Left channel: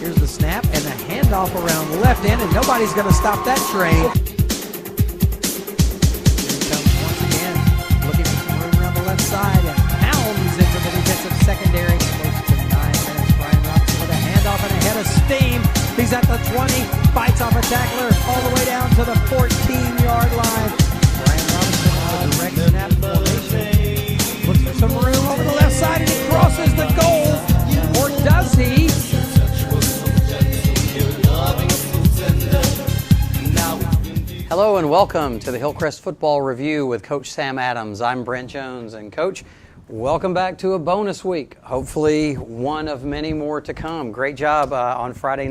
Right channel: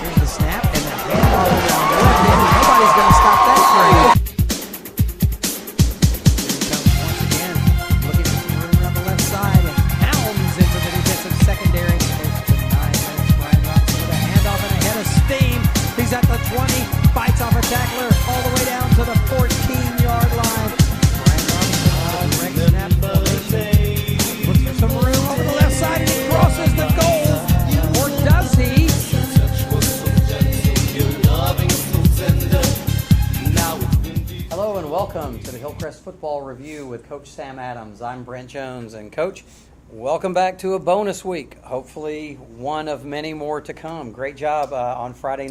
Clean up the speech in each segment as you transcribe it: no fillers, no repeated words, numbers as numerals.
Here's the snap and the handoff around the left end, and nobody's going to stop that train. Here he comes once again, looking for some room around the left side, and pounds into the defensive secondary. Close to 9 minutes. Brian Robinson with a handoff and a head of steam. He's at the 20, bites off a tackler all the way down to the 14-yard line. Brian Robinson on a direct snap formation. Looks for some room over the left side, and he crosses the goal. Or does he? Hello and welcome to the Hillcrest Football Review with Coach Sam Adams. I'm Brent Jones, and Coach, welcome back to a bonus week. Hopefully one of many more to come. Great job on Thursday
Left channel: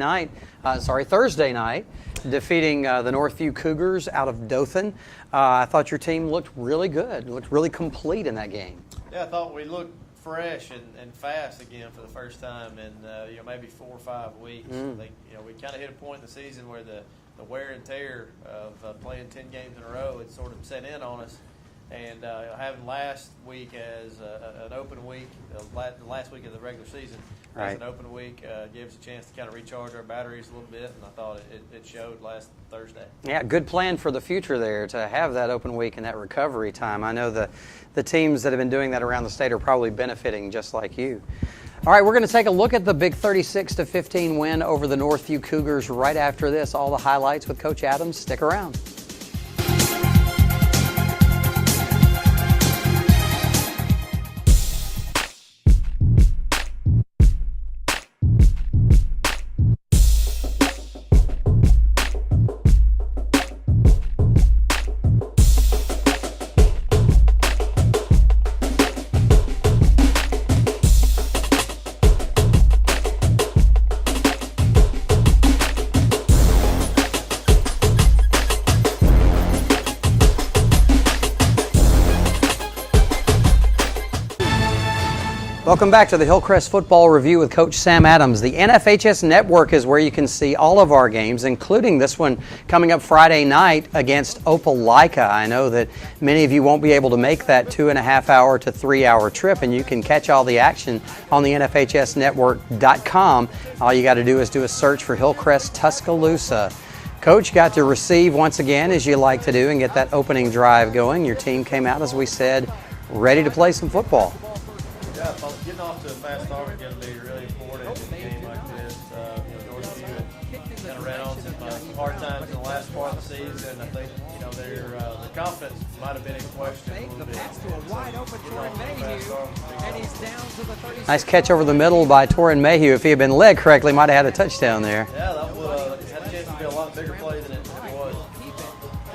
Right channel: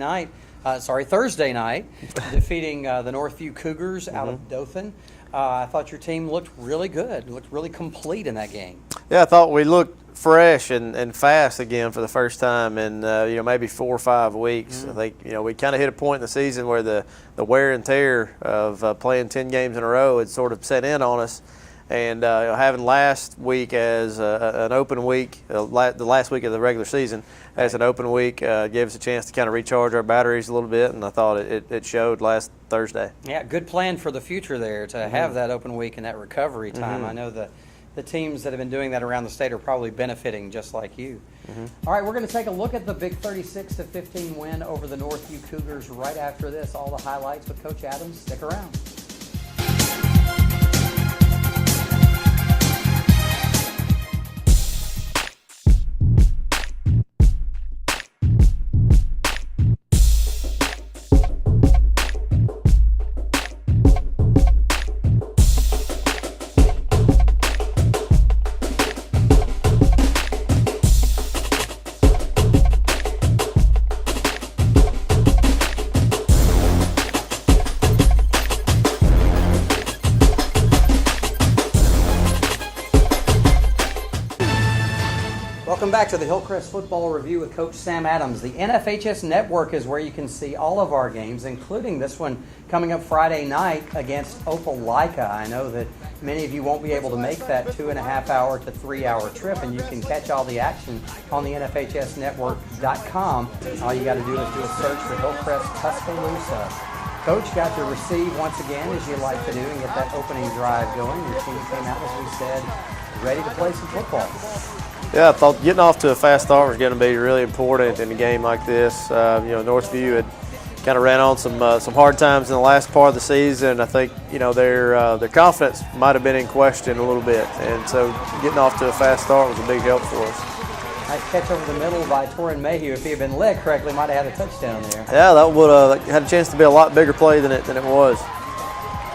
night, defeating the Northview Cougars out of Dothan. I thought your team looked really good, looked really complete in that game. Yeah, I thought we looked fresh and fast again for the first time in maybe 4 or 5 weeks. I think we kind of hit a point in the season where the wear and tear of playing 10 games in a row had sort of set in on us, and having last week as an open week, the last week of the regular season as an open week gave us a chance to kind of recharge our batteries a little bit, and I thought it showed last Thursday. Yeah, good plan for the future there to have that open week and that recovery time. I know the teams that have been doing that around the state are probably benefiting just like you. All right, we're going to take a look at the big 36-15 win over the Northview Cougars right after this. All the highlights with Coach Adams. Stick around. Welcome back to the Hillcrest Football Review with Coach Sam Adams. The NFHS Network is where you can see all of our games, including this one coming up Friday night against Opelika. I know that many of you won't be able to make that 2.5-hour to 3-hour trip, and you can catch all the action on the NFHSnetwork.com. All you got to do is do a search for Hillcrest Tuscaloosa. Coach got to receive once again, as you like to do, and get that opening drive going. Your team came out, as we said, ready to play some football. Yeah, I thought getting off to a fast start was going to be really important in a game like this. Northview had kind of ran on some hard times in the last part of the season. I think their confidence might have been in question a little bit, and so getting off to a fast start was a big help for us. Nice catch over the middle by Torrin Mayhew. If he had been led correctly, might have had a touchdown there. Yeah, that would have had a chance to be a lot bigger play than it was.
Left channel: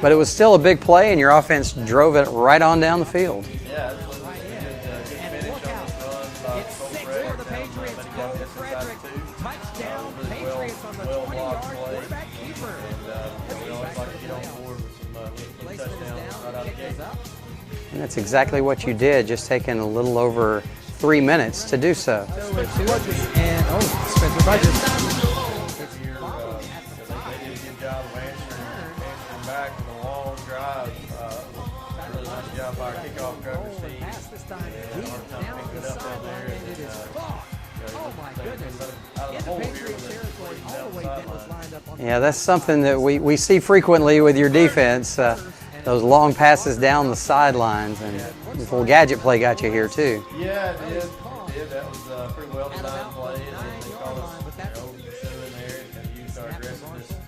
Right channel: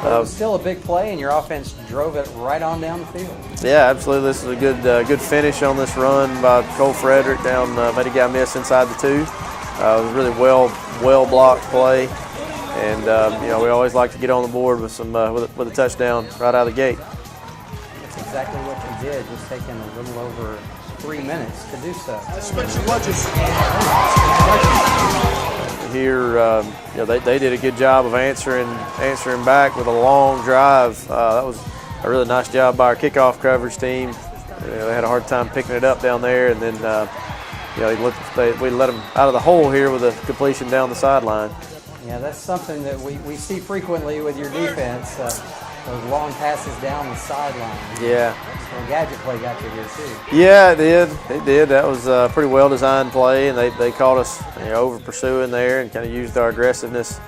But it was still a big play, and your offense drove it right on down the field. Yeah, absolutely. This is a good finish on this run by Cole Frederick down. Made a guy miss inside the 2. It was a really well blocked play, and we always like to get on the board with with a touchdown right out of the gate. And that's exactly what you did, just taking a little over 3 minutes to do so. Here, they did a good job of answering back with a long drive. That was a really nice job by our kickoff coverage team. They had a hard time picking it up down there, and then we let them out of the hole here with a completion down the sideline. Yeah, that's something that we see frequently with your defense. Those long passes down the sideline. Yeah. This little gadget play got you here too. Yeah, it did. It did. That was a pretty well-designed play, and they caught us over pursuing there and kind of used our aggressiveness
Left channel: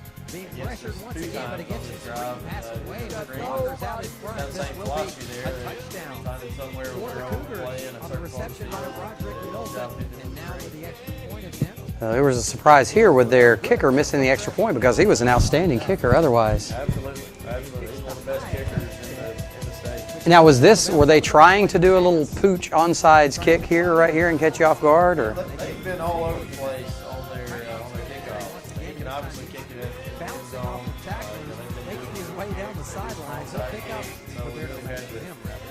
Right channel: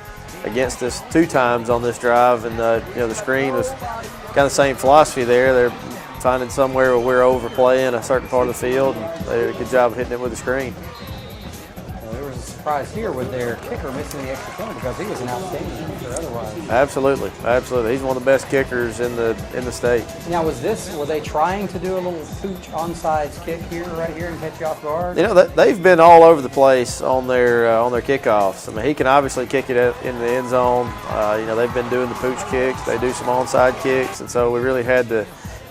against us 2 times on this drive. And the screen was kind of the same philosophy there. They're finding somewhere where we're overplaying a certain part of the field, and they did a good job of hitting it with the screen. There was a surprise here with their kicker missing the extra point because he was an outstanding kicker otherwise. Absolutely. He's one of the best kickers in the state. Now, were they trying to do a little pooch onside kick right here and catch you off guard? They've been all over the place on their kickoffs. I mean, he can obviously kick it in the end zone. They've been doing the pooch kicks. They do some onside kicks, and so we really had to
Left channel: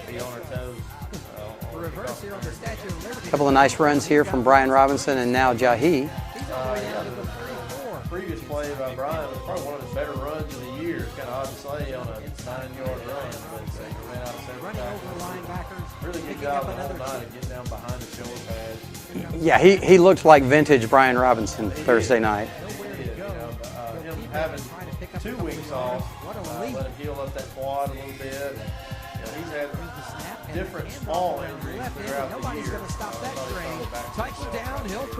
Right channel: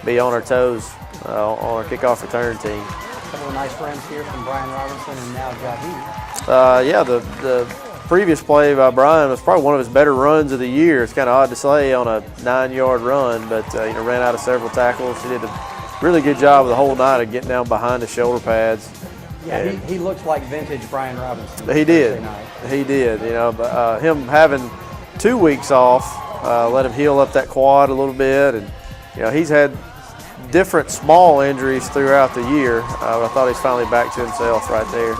be on our toes on our kickoff return team. A couple of nice runs here from Brian Robinson and now Jahi. The previous play by Brian was probably one of his better runs of the year. It's kind of odd to say on a 9-yard run, but ran out of several tackles. He did a really good job the whole night of getting down behind the shoulder pads. Yeah, he looked like vintage Brian Robinson Thursday night. He did. You know, but, him having 2 weeks off, let him heal up that quad a little bit, and you know he's had different small injuries throughout the year. I thought he's finally back to himself right there.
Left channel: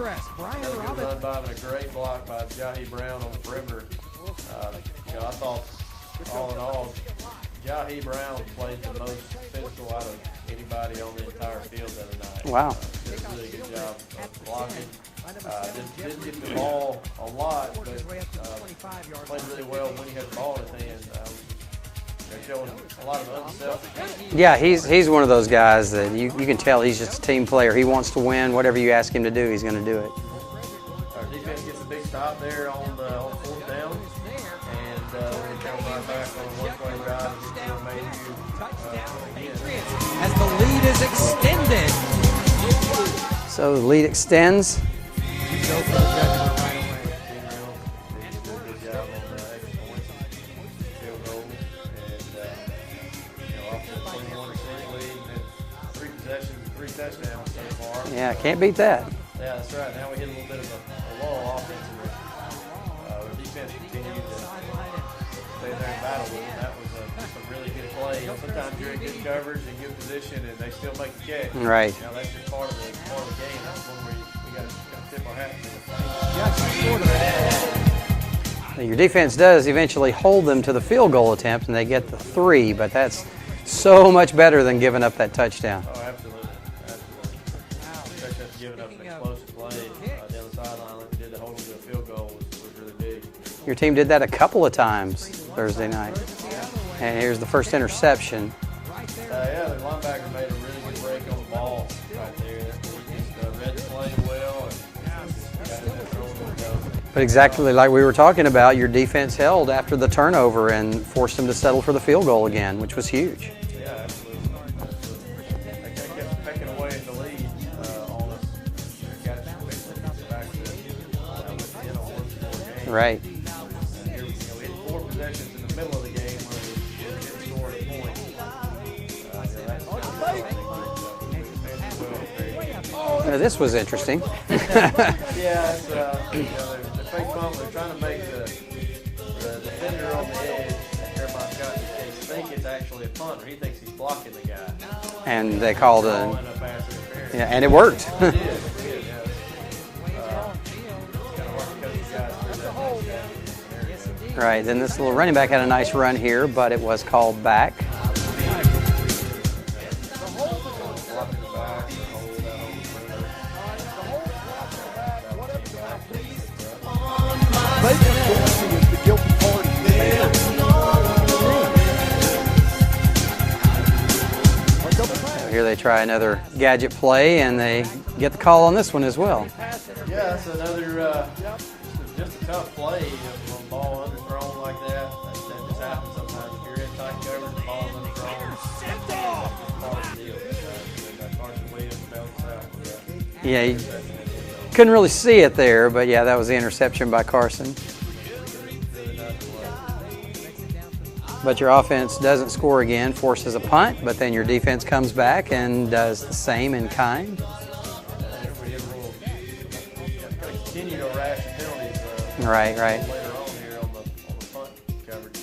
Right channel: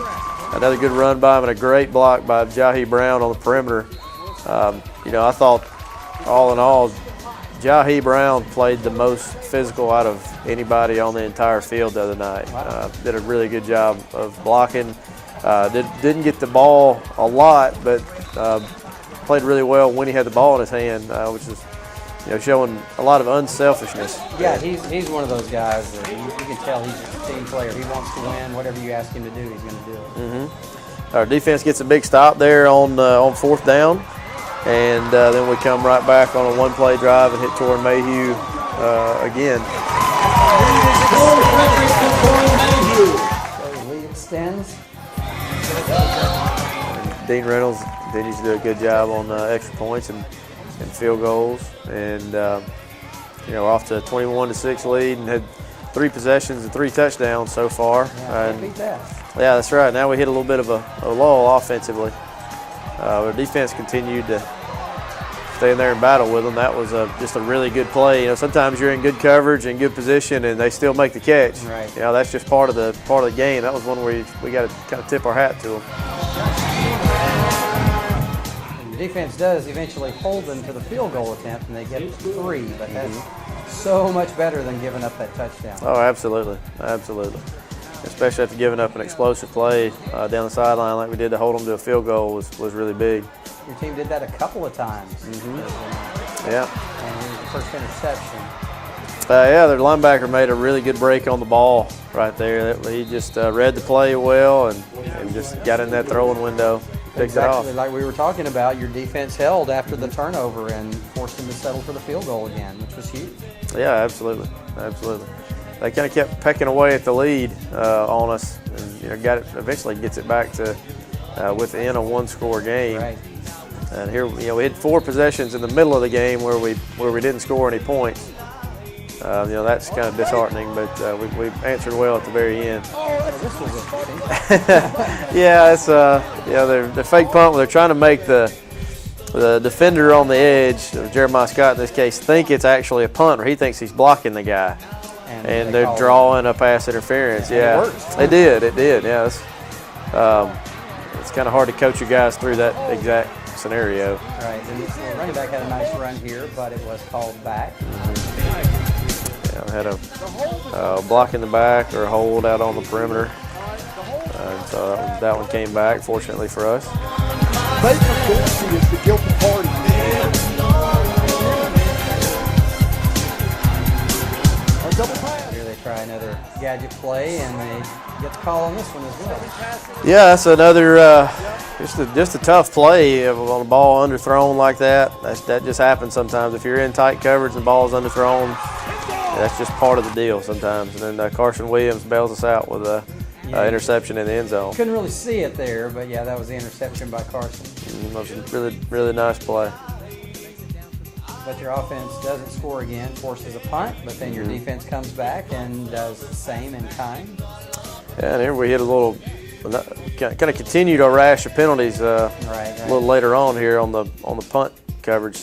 Another good run by him and a great block by Jahi Brown on the perimeter. You know, I thought all in all, Jahi Brown played the most physical out of anybody on the entire field the other night. Wow. Did a really good job of blocking. Didn't get the ball a lot, but played really well when he had the ball in his hand, which is, you know, showing a lot of unselfishness. Yeah, he's one of those guys that you can tell he's just a team player. He wants to win. Whatever you ask him to do, he's going to do it. Our defense gets a big stop there on 4th down, and then we come right back on a one-play drive and hit Torrin Mayhew again. So the lead extends. Dean Reynolds continues to do a good job on extra points and field goals, and you know, off to a 21-6 lead, and had 3 possessions and 3 touchdowns so far. Yeah, can't beat that. Yeah, that's right. Now we hit a little bit of a lull offensively. Our defense continued to stay in there and battle with them. That was just a really good play. You know, sometimes you're in good coverage and good position, and they still make the catch. Right. You know, that's just part of the game. That was one where we got to kind of tip our hat to them. Your defense does eventually hold them to the field goal attempt, and they get 3, but that's so much better than giving up that touchdown. Oh, absolutely, absolutely. Especially after giving up an explosive play down the sideline like we did to hold them to a field goal was really big. Your team did that a couple of times Thursday night. Yeah. And here's the first interception. Yeah, their linebacker made a really good break on the ball right there. He just read the play well and just got in that throwing window. But exactly like we were talking about, your defense held after the turnover and forced them to settle for the field goal again, which was huge. Yeah, absolutely, absolutely. They kind of kept pecking away at the lead on us, and you know, eventually gets it back to within a 1-score game. Right. And here, you know, we had 4 possessions in the middle of the game where we didn't score any points. You know, that's kind of disheartening, but we answered well at the very end. This was interesting. Yeah, it's you know, they're fake punt. They're trying to make the defender on the edge, Jeremiah Scott in this case, think it's actually a punt, or he thinks he's blocking the guy. And they're drawing a pass interference. Yeah, and it worked. It did. Yeah, it's kind of hard to coach you guys through that exact scenario. Right. Then this little running back had a nice run here, but it was called back. Had a block in the back or a hold out on the perimeter. So that one came back, fortunately for us. Vapor is the guilty party. Here they try another gadget play, and they get the call on this one as well. Yeah, that's another just a tough play on a ball underthrown like that. That just happens sometimes. If you're in tight coverage and the ball's underthrown, that's just part of the deal sometimes. And then Carson Williams bails us out with a interception in the end zone. Couldn't really see it there, but yeah, that was the interception by Carson. Really, really nice play. But your offense doesn't score again, forces a punt, but then your defense comes back and does the same in kind. Yeah, and here we hit a little, kind of continued our rash of penalties right. a little later on here on the punt coverage,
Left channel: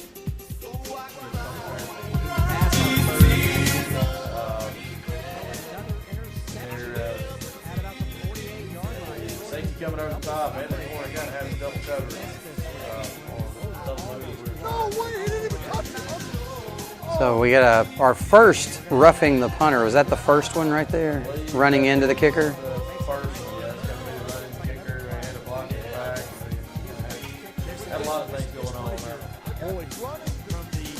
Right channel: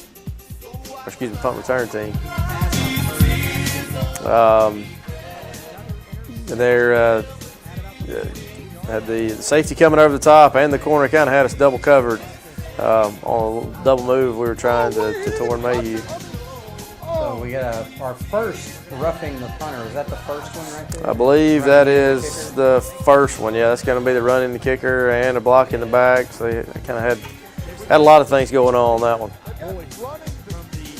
excuse me, punt return team. And there had the safety coming over the top, and the corner kind of had us double covered. On a double move, we were trying to Torrin Mayhew. So we got our first roughing the punter. Was that the first one right there? I believe running that into is the kicker? the first one. Yeah, that's going to be the run in the kicker and a block in the back. So you kind of had a lot of things going on that one.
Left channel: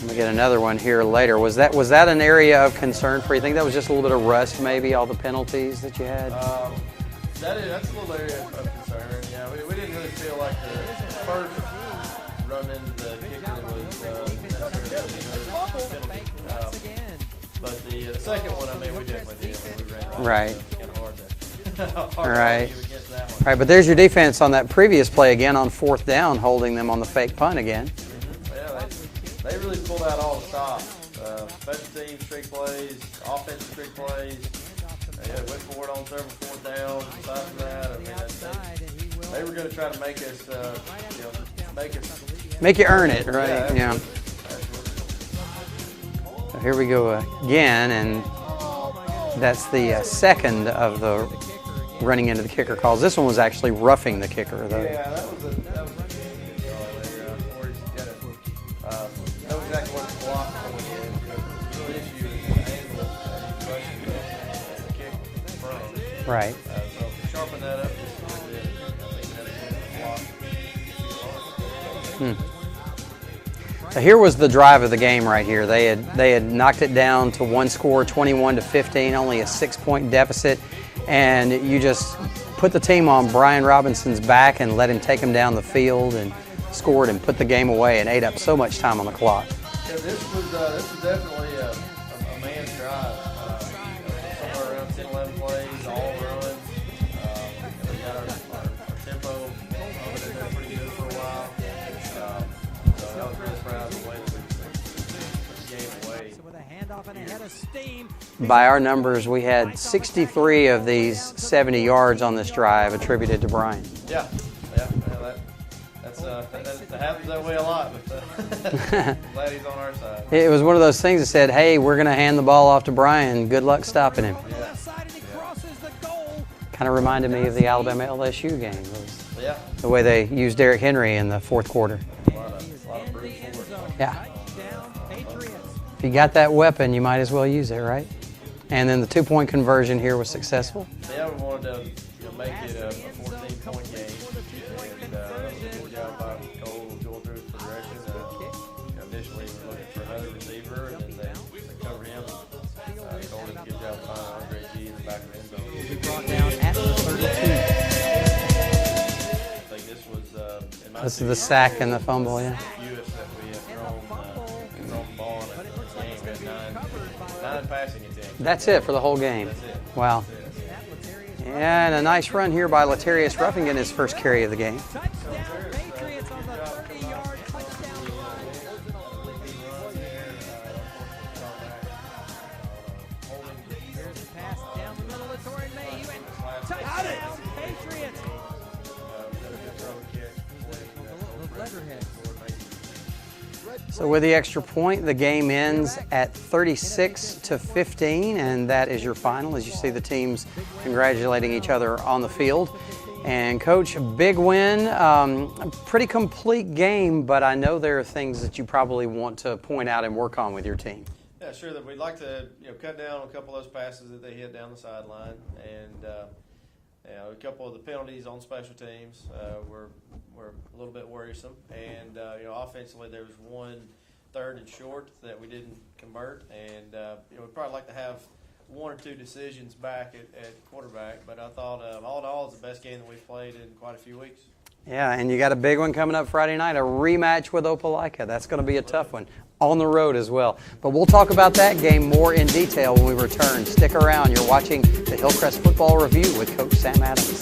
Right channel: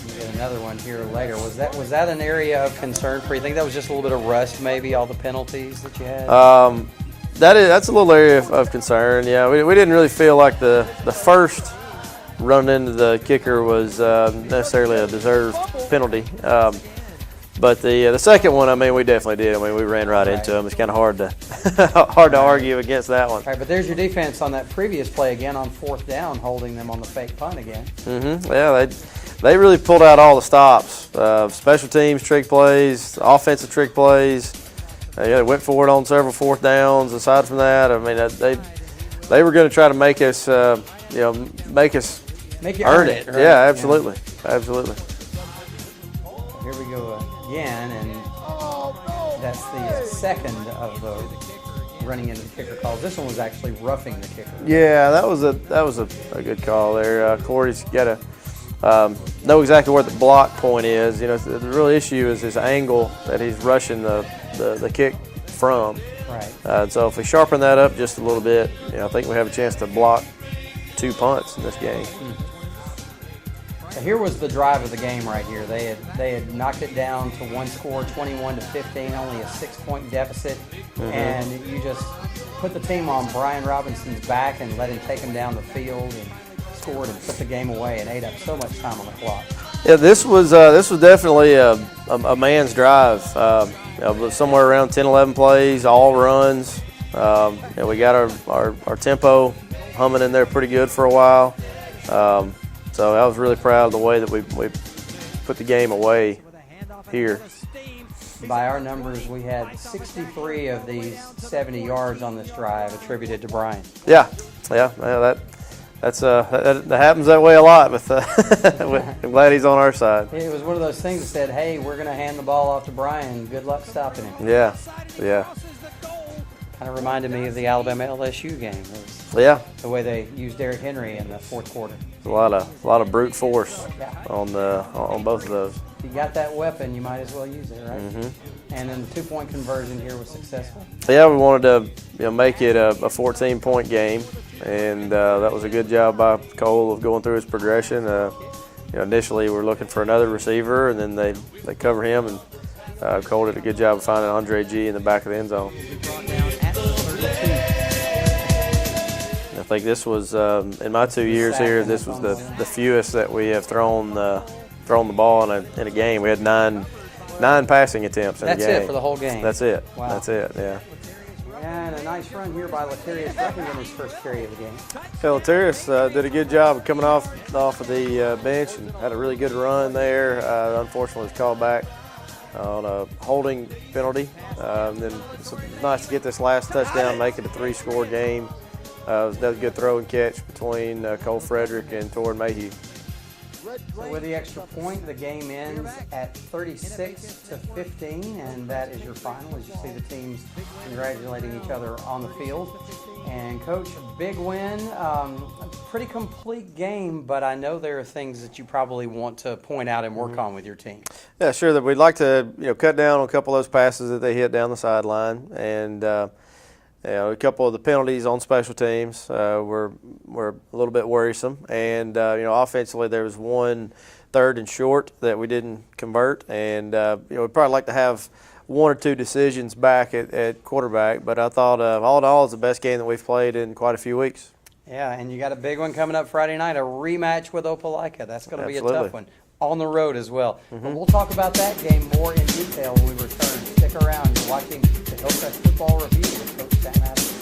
We get another one here later. Was that an area of concern for you? Think that was just a little bit of rust, maybe all the penalties that you had? That's a little area of concern. Yeah, we didn't really feel like the first run into the kicker was necessarily a deserved penalty. But the second one, I mean, we definitely did. I mean, we ran right into him. It's kind of hard to argue against that one. All right, but there's your defense on that previous play again on 4th down, holding them on the fake punt again. Yeah, they really pulled out all the stops. Special teams trick plays, offensive trick plays. they went for it on several fourth downs. Aside from that, I mean, they were going to try to make us, Make you earn it. Right? Yeah, absolutely, absolutely. So here we go again, and that's the second of the running into the kicker calls. This one was actually roughing the kicker. Yeah, that was a good call there. Cordy's got to know exactly where the block point is. You know, the real issue is his angle that he's rushing the kick from. Right. So if we sharpen that up just a little bit, I think we have a chance to block 2 punts in this game. So here was the drive of the game right here. They had knocked it down to one score, 21-15, only a 6-point deficit, and you just put the team on Brian Robinson's back and let him take them down the field and scored and put the game away and ate up so much time on the clock. Yeah, this was definitely a man's drive. Somewhere around 10, 11 plays, all runs. We got our tempo humming in there pretty good for a while. So I was really proud of the way that we put the game away here. By our numbers, we had 63 of these 70 yards on this drive attributed to Brian. Yeah, that happens that way a lot. With I'm glad he's on our side. It was one of those things that said, "Hey, we're going to hand the ball off to Brian. Good luck stopping him." Yeah. Kind of reminded me of the Alabama LSU game. Yeah. The way they used Derrick Henry in the fourth quarter. A lot of brute force. Yeah. On both of those. If you got that weapon, you might as well use it, right? And then the 2-point conversion here was successful. Yeah, we wanted to make it a 14-point game, and that was a good job by Cole of going through his progression. Initially we were looking for another receiver, and then they cover him, and Cole did a good job of finding Andre G in the back of the end zone. I think this was in my 2 years here. This was the fewest that we have thrown the ball in a game. We had nine passing attempts in a game. That's it for the whole game. That's it. Wow. That's it. Yeah. And a nice run here by Latarius Ruffing in his first carry of the game. So Latarius did a good job of coming off of the bench and had a really good run there. Unfortunately, was called back on a holding penalty. Then it's nice to get this last touchdown, make it a 3-score game. That was a good throw and catch between Cole Frederick and Torrin Mayhew. So with the extra point, the game ends at 36-15, and that is your final as you see the teams congratulating each other on the field. And Coach, big win, a pretty complete game, but I know there are things that you probably want to point out and work on with your team. Yeah, sure. That we'd like to cut down on a couple of those passes that they hit down the sideline, and a couple of the penalties on special teams were a little bit worrisome. And, offensively there was one 3rd and short that we didn't convert. And, we'd probably like to have 1 or 2 decisions back at quarterback. But I thought all in all, it's the best game that we've played in quite a few weeks. Yeah, and you got a big one coming up Friday night, a rematch with Opelika. That's going to be a tough one. On the road as well. But we'll talk about that game more in detail when we return. Stick around. You're watching the Hillcrest Football Review with Coach Sam Adams.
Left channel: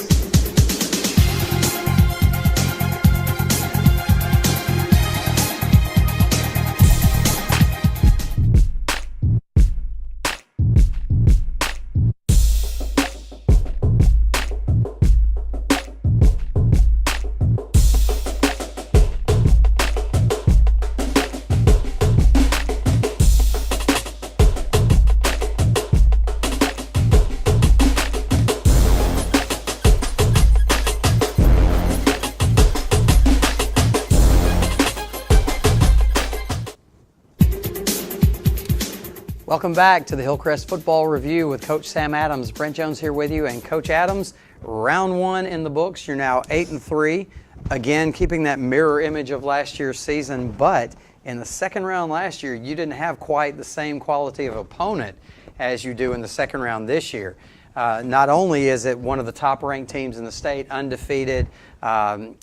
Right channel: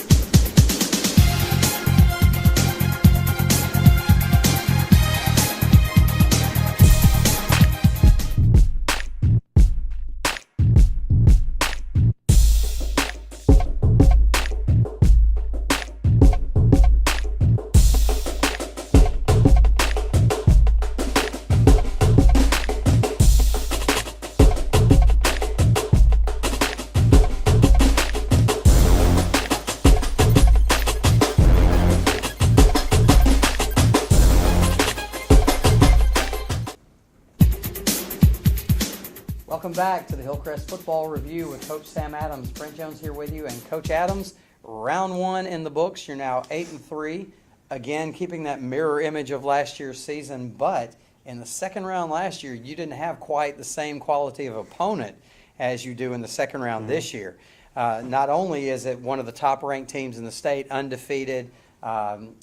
Welcome back to the Hillcrest Football Review with Coach Sam Adams. Brent Jones here with you. And Coach Adams, round 1 in the books. You're now 8-3. Again, keeping that mirror image of last year's season. But in the second round last year, you didn't have quite the same quality of opponent as you do in the second round this year. Not only is it one of the top-ranked teams in the state, undefeated, 4-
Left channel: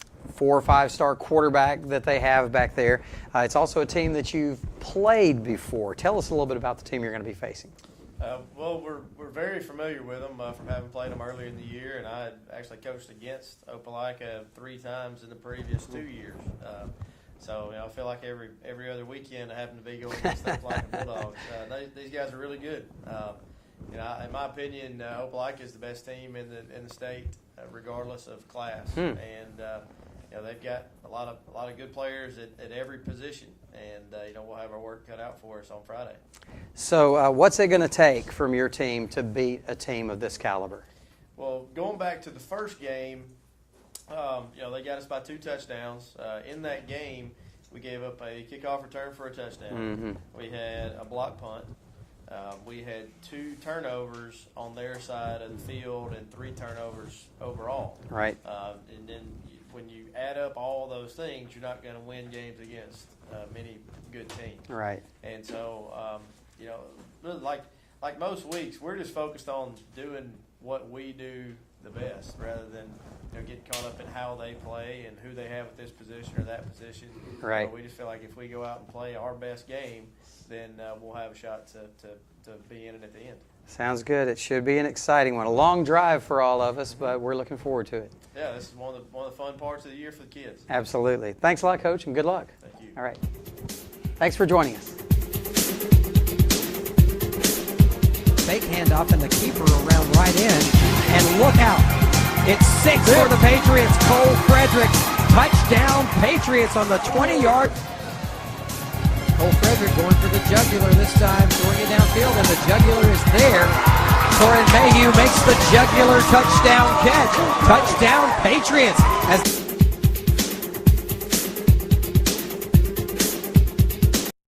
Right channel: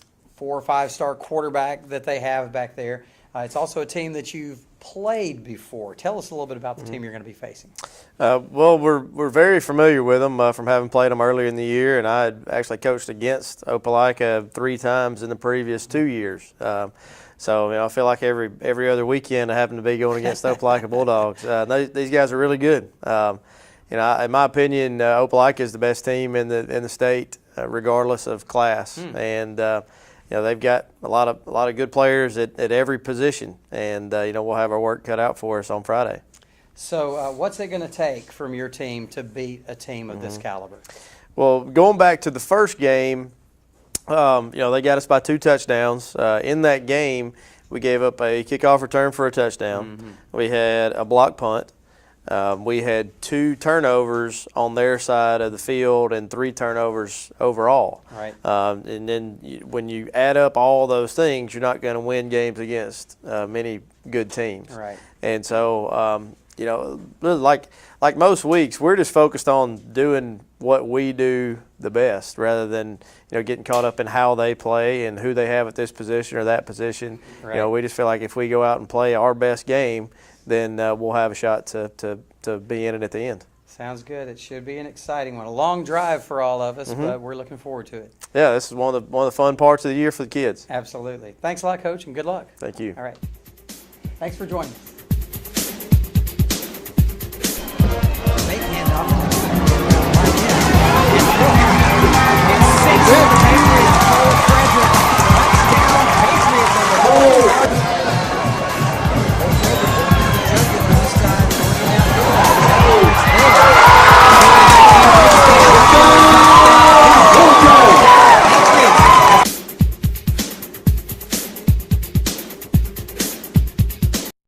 or 5-star quarterback that they have back there. It's also a team that you've played before. Tell us a little bit about the team you're going to be facing. Well, we're very familiar with them from having played them earlier in the year, and I had actually coached against Opelika 3 times in the previous 2 years. So I feel like every other weekend I happen to be going against the Opelika Bulldogs. These guys are really good. in my opinion, Opelika is the best team in the state, regardless of class. And they've got a lot of good players at every position, and we'll have our work cut out for us on Friday. So, what's it going to take from your team to beat a team of this caliber? Well, going back to the first game, they got us by 2 touchdowns. In that game, we gave up a kickoff return for a touchdown. We had a block punt. We had 2 turnovers on their side of the field and 3 turnovers overall. Right. And then when you add up all those things, you're not going to win games against many good teams. Right. And so, like most weeks, we're just focused on doing what we do the best, rather than getting caught up in how they play and who they have at this position or that position. Right. We just feel like if we go out and play our best game, then we'll have a shot to be in it at the end. Sounds good. It should be an exciting one. A long drive for all of us, but we're looking forward to it. Yeah, this is one of the fun parts of the year for the kids. Absolutely. Thanks a lot, Coach, and good luck. Thank you. All right. Thanks for joining us. Fake handoff and the keeper around right in. And look out. It's 6 for the Patriots. Cole Frederick. Touchdown Patriots on the 20-yard